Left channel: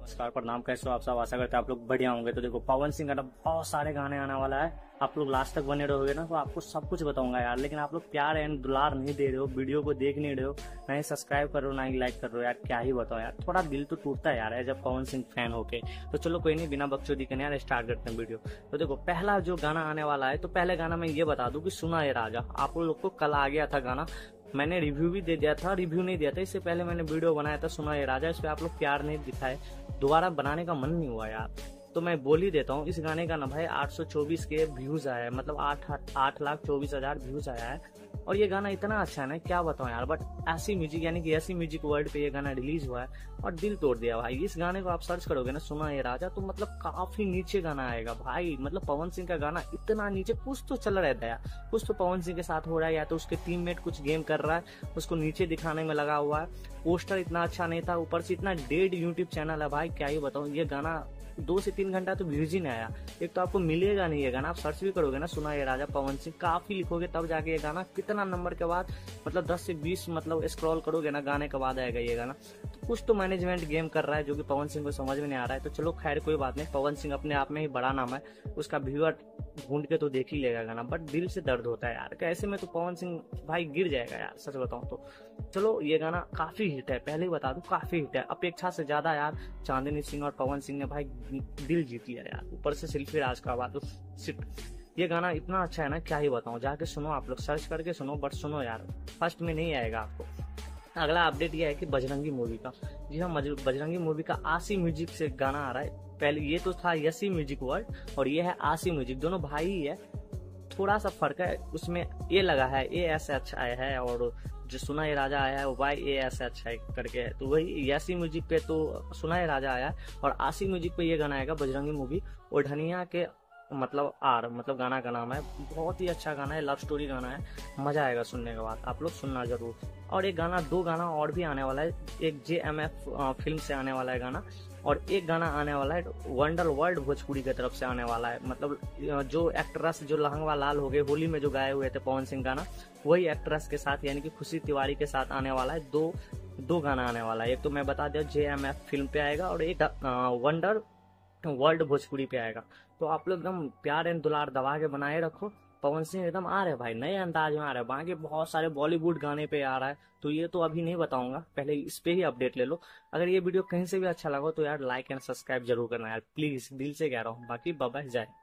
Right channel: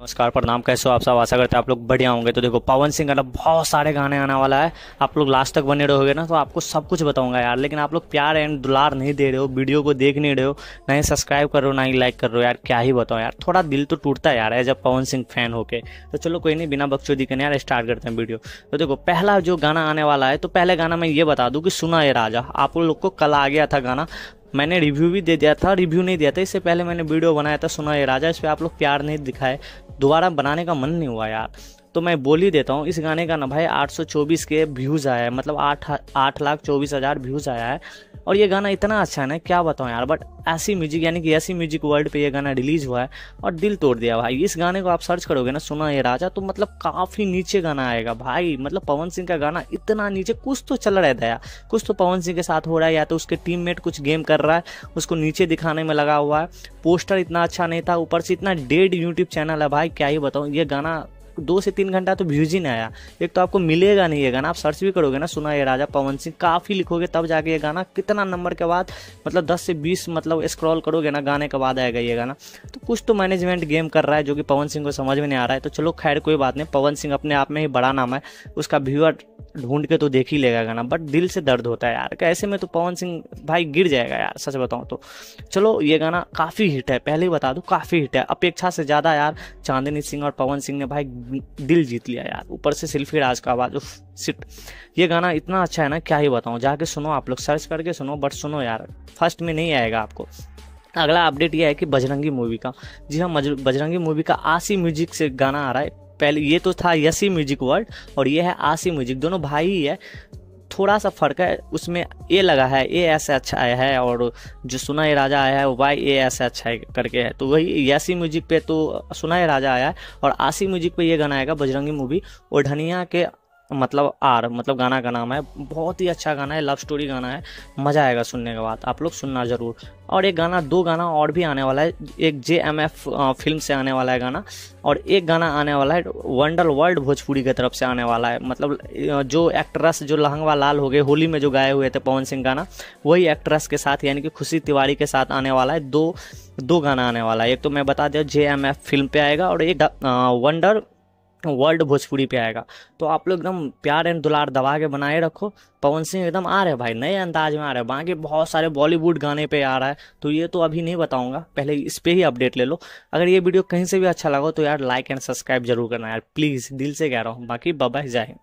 नमस्कार, प्रणाम। कैसे हो आप सब? आशा करते हैं आप लोग बढ़िया होंगे। तो देखो, पवन सिंह का बहुत सारे गाने आने वाला है। आप लोग लास्ट तक बने रहोगे ना तो आपको सब कुछ बताऊंगा यार। लेकिन आप लोग प्यार एंड दुलार नहीं दे रहे हो, वीडियो को देख नहीं रहे हो, ना ही सब्सक्राइब कर रहे हो, ना ही लाइक कर रहे हो यार। क्या ही बताओ यार, थोड़ा दिल तो टूटता है यार as a Pawan Singh fan होके। तो चलो कोई नहीं, बिना बकचोदी करने यार स्टार्ट करते हैं वीडियो। तो देखो, पहला जो गाना आने वाला है, तो पहले गाना मैं ये बता दूं कि सुना ये राजा। आप लोग को कल आ गया था गाना, मैंने रिव्यू भी दे दिया था, रिव्यू नहीं दिया था इससे पहले मैंने वीडियो बनाया था सुना ये राजा। इस पर आप लोग प्यार नहीं दिखाए, दोबारा बनाने का मन नहीं हुआ यार। तो मैं बोल ही देता हूँ, इस गाने का ना भाई 824 के व्यूज़ आया है, मतलब 8,24,000 व्यूज़ आया है। और ये गाना इतना अच्छा है ना, क्या बताऊँ यार। बट ऐसी म्यूजिक, यानी कि ऐसी म्यूजिक वर्ल्ड पे ये गाना रिलीज हुआ है और दिल तोड़ दिया भाई। इस गाने को आप सर्च करोगे ना, सुना ये राजा, तो मतलब काफ़ी नीचे गाना आएगा भाई। मतलब पवन सिंह का गाना इतना नीचे, कुछ तो चल रहा है दया, कुछ तो पवन सिंह के साथ हो रहा है, या तो उसके टीममेट कुछ गेम कर रहा है, उसको नीचे दिखाने में लगा हुआ है। पोस्टर इतना अच्छा नहीं था, ऊपर से इतना डेड यूट्यूब चैनल है भाई, क्या ही बताऊँ। ये गाना 2 से 3 घंटा तो व्यूज ही नहीं आया। एक तो आपको मिलेगा नहीं ये गाना, आप सर्च भी करोगे ना सुना ये राजा पवन सिंह, काफ़ी लिखोगे तब जाके ये गाना कितना नंबर के बाद, मतलब 10 से 20 मतलब स्क्रॉल करोगे ना गाने के बाद आएगा ये गाना। तो कुछ तो मैनेजमेंट गेम कर रहा है जो कि पवन सिंह को समझ में नहीं आ रहा है। तो चलो खैर कोई बात नहीं, पवन सिंह अपने आप में ही बड़ा नाम है, उसका व्यूअर ढूंढ के तो देख ही लेगा गाना। बट दिल से दर्द होता है यार, कैसे में तो पवन सिंह भाई गिर जाएगा यार, सच बताऊँ तो। चलो ये गाना काफ़ी हिट है, पहले ही बता दूँ काफ़ी हिट है, अपेक्षा से ज़्यादा यार। चांदनी सिंह और पवन सिंह ने भाई दिल जीत लिया यार। ऊपर से सिल्फी राज का आवाज़, सिट। ये गाना इतना अच्छा है ना, क्या ही बताऊँ। जाके सुनो, आप लोग सर्च करके सुनो, बट सुनो यार, फर्स्ट में नहीं आएगा आपको। अगला अपडेट ये है कि बजरंगी मूवी का, जी हाँ, बजरंगी मूवी का आशी म्यूजिक से गाना आ रहा है। पहले ये तो था यसी म्यूजिक वर्ल्ड और ये है आशी म्यूजिक, दोनों भाई ही है। थोड़ा सा फर्क है, उसमें ए लगा है, ए ऐसे अच्छा आया है, और जो सुना ये राजा आया है वो वाई ए ऐसे अच्छा है करके है। तो वही यासी म्यूजिक पे तो सुना ये राजा आया है, और आशी म्यूजिक पे ये गाना आएगा बजरंगी मूवी ओढ़निया के, मतलब आर, मतलब गाना का नाम है। बहुत ही अच्छा गाना है, लव स्टोरी गाना है, मज़ा आएगा सुनने के बाद, आप लोग सुनना ज़रूर। और एक गाना, 2 गाना और भी आने वाला है। एक JMF फिल्म से आने वाला है गाना, और एक गाना आने वाला है वंडर वर्ल्ड भोजपुरी की तरफ से आने वाला है। मतलब जो एक्ट्रेस जो लहंगा लाल हो गए होली में जो गाए हुए थे पवन सिंह गाना, वही एक्ट्रेस के साथ यानी कि खुशी तिवारी के साथ आने वाला है। दो गाना आने वाला है। एक तो मैं बता दिया JMF फिल्म पे आएगा, और एक वंडर वर्ल्ड भोजपुरी पे आएगा। तो आप लोग एकदम प्यार एंड दुलार दबा के बनाए रखो। पवन सिंह एकदम आ रहे भाई, नए अंदाज में आ रहे हैं। बाकी बहुत सारे बॉलीवुड गाने पे आ रहा है, तो ये तो अभी नहीं बताऊंगा, पहले इस पे ही अपडेट ले लो। अगर ये वीडियो कहीं से भी अच्छा लगा तो यार लाइक एंड सब्सक्राइब जरूर करना यार, प्लीज़, दिल से कह रहा हूँ। बाकी बाय बाय, जय हिंद।